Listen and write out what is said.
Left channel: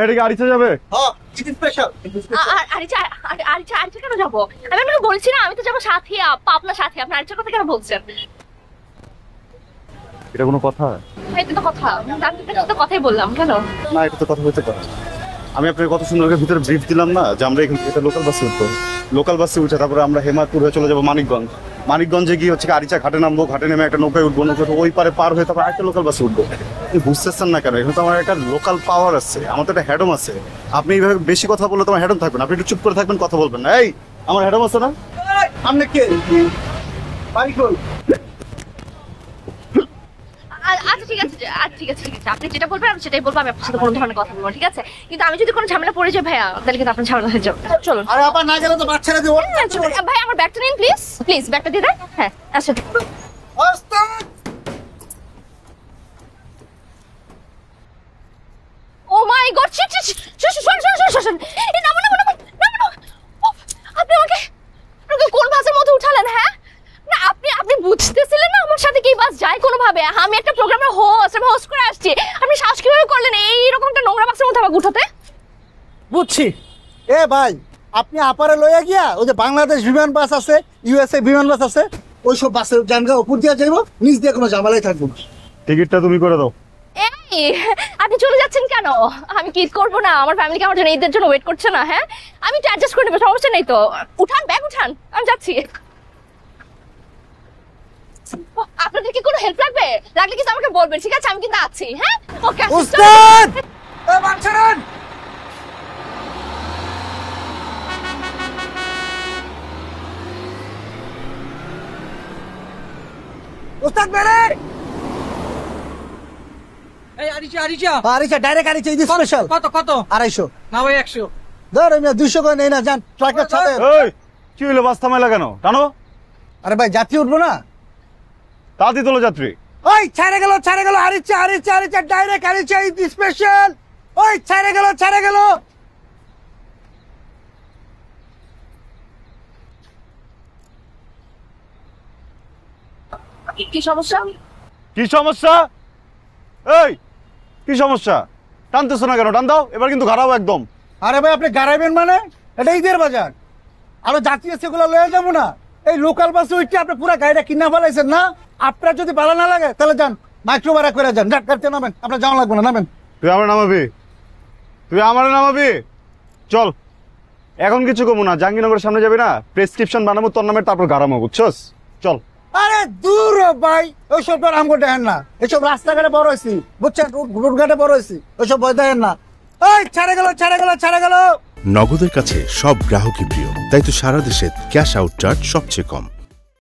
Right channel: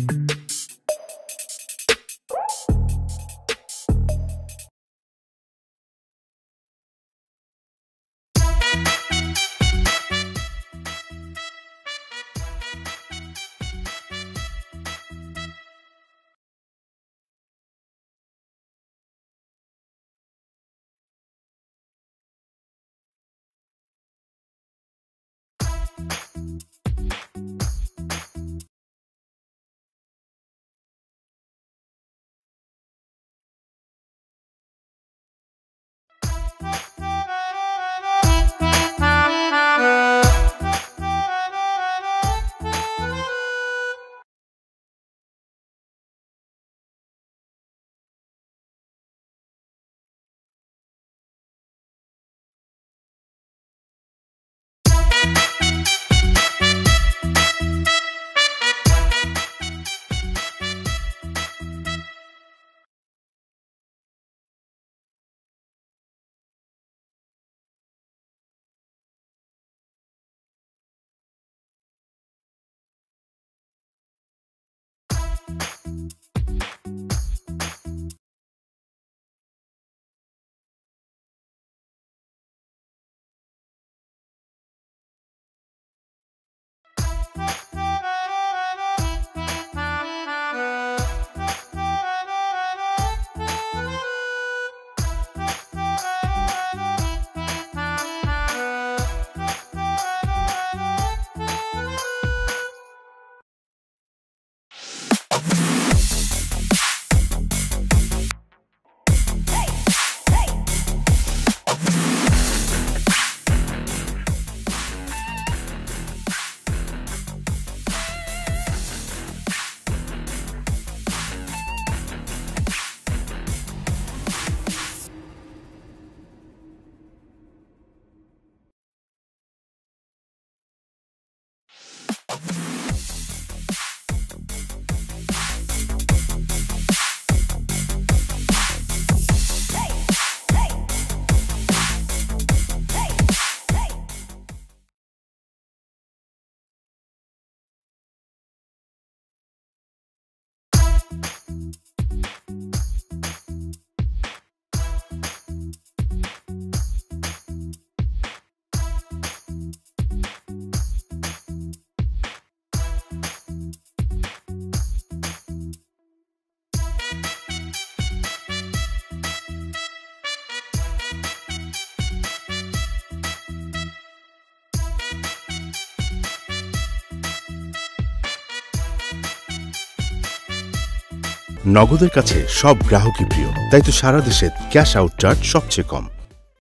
এটা কি আরিচা যাবে? স্পেশাল। আরিচা কেন যাবো? আমি আপনাকে বলছি না আমি তো যাবো সাথী আপা, আপনার সাথে। আপনার আরিচার কথা কেন বলছেন? এটা কোনো কথা? এটা তো কথা, আমি তো কথাই বললাম। কেন না, এটা তো কথা হইতে পারে। আমি আপনাকে কত সুন্দর করে ভিতরে ব্রিফ দিলাম না যে আমরা এখান থেকে লোকাল বাসে উঠবো। লোকাল বাসে উঠে তারপরে আমরা হেমায়তপুর হয়ে চলে যাবো মানিকগঞ্জ। মানিকগঞ্জে গিয়ে হচ্ছে আরিচা ঘাটে নামবো, ঘাটে নেমে একটা নৌকায় উঠবো, নৌকাটা ওই পারে পার হয়ে তারপর একটা লোকাল বাসে উঠবো। আপনি বুঝতেছেন না কেন? এখানে তো আমার একটা লোকাল পাওয়ার আছে, আমার তো একটা হ্যাডম আছে। আপনি এইভাবে বেশি কথা বললে তোমার হ্যাডম থাকবেন, আপনি একটু চুপ করে থাকবেন, কথা বলবেন না। এই আমার হ্যাডম আছে না? আপনি কে? বাড়ি কই? ঠিক আছে আপনি যেটা বলবেন আমি সেটাই বলবো। আমি আপনার সাথে কোনো ধরনের কথা বলবো, ঠিক আছে? কিন্তু আমি যদি কোনো ঝামেলা পড়ে যাই ভাইয়া, তাহলে কিন্তু আপনার ঝামেলা হয়ে যাবে। চলুন। আরে আপা না গেলে তো বাচ্চারা দেবো। ভাই আমার ব্যাগটা নিন প্লিজ ব্যাগটা দিয়ে দেন। হ্যাঁ আচ্ছা। ও মাই গড, আপনি আমাকে কোন বাসের মধ্যে উঠালেন? হ্যাঁ না, আপনি বুঝতেছিলেন না আমার সাথে কি বাস যায় কোনোভাবে? আমি একটা প্রোগ্রামের হোস্ট করে আসছি, আপনি সাহস কিভাবে করলেন এইরকম একটা নোংরা বাসের মধ্যে আমাকে উঠাতে? বুঝছি। এ ভাই, আপনি আপারে লইয়া গিয়া ওই যে বাংলাদেশ বিমান বাস আছে, ইউএসএ বিমান বাস আছে, ওইসব বাসের জানগা উপর দিয়ে যাইব, নিচ দিয়ে কোনো ঝামেলাই থাকবো না। টিকিটটা তুমি করে দাও। আপনি চলে যাচ্ছেন কেন? আমি কি করবো না? আমার ফ্যামিলিকে আমার জন্য ঈদের জন্য ওয়েট করছে না। হ্যাঁ আমি তো অ্যাডজাস্ট করে নেবো, সমস্যা নেই তো। উঠান ব্যাগ উঠান, আমি যাচ্ছি। আপনাদের কি কোনো হেল্প লাগবে? লাগলে কিন্তু আমাকে বলবেন, ঠিক আছে? আমি কিন্তু আছি। হ্যাঁ ওকে উস্তাদ, এ বাচ্চারান উস্তাদ মেরে এই Aricha Aricha direct Aricha is special. কত 250 না ভাই 100 ধর আমি 200 করে নেই না, জান ট্রাকের সাথে। এই কি হলো, বাস থামাইলা কেন? টানো। আরে ভাই যাত্রী উঠবো না? তাড়াতাড়ি তোলো যাত্রী। ওই ছেড়ে গেল Aricha direct Aricha is special. ওই ছেড়ে গেল কি সমস্যা? কি সমস্যা? এই কি সমস্যা? টানতেছো না কেন? টান দাও, এবার কিন্তু ঘাড়াবো একদম। আরে ভাই আপনি গাড়াইবেন মানে? এটা ঈদের বাজার, আরো যাত্রী আছে, সেগুলো লয়ে যাবো না? এই লোকাল বাসে উঠে আপনি পুরো গাড়িটা কিনা ফেলাইছেন না? আপনার যদি ভালো না লাগে তাহলে যান, মাইক্রো ভাড়া করে যান, গাড়িতে নামেন, আপনার যাওয়া লাগবে না, নামেন। তুই আমার নামাবি? চল, এখন কিছু কমু না, জাহাঙ্গীরনগরের সামনে যাবি না, প্রেসক্রিপশন বানাবো তোর নামে, তারপর গাড়ামো, বুঝছস? চল। আরে দূর ভাই, ওইসব তো আমগো দেখেন না, এসব রাস্তাঘাটে বড় হয়েছি, বুঝছেন? রোডঘাটে বড় হয়েছি, ওইসব ভয় দেখেন না। ওই ছেড়ে গেল। নগদের কাছে সব গ্রাহকই প্রিয়, তাই তো সারা দেশে ক্যাশ আউট চার্জ সবচেয়ে কম।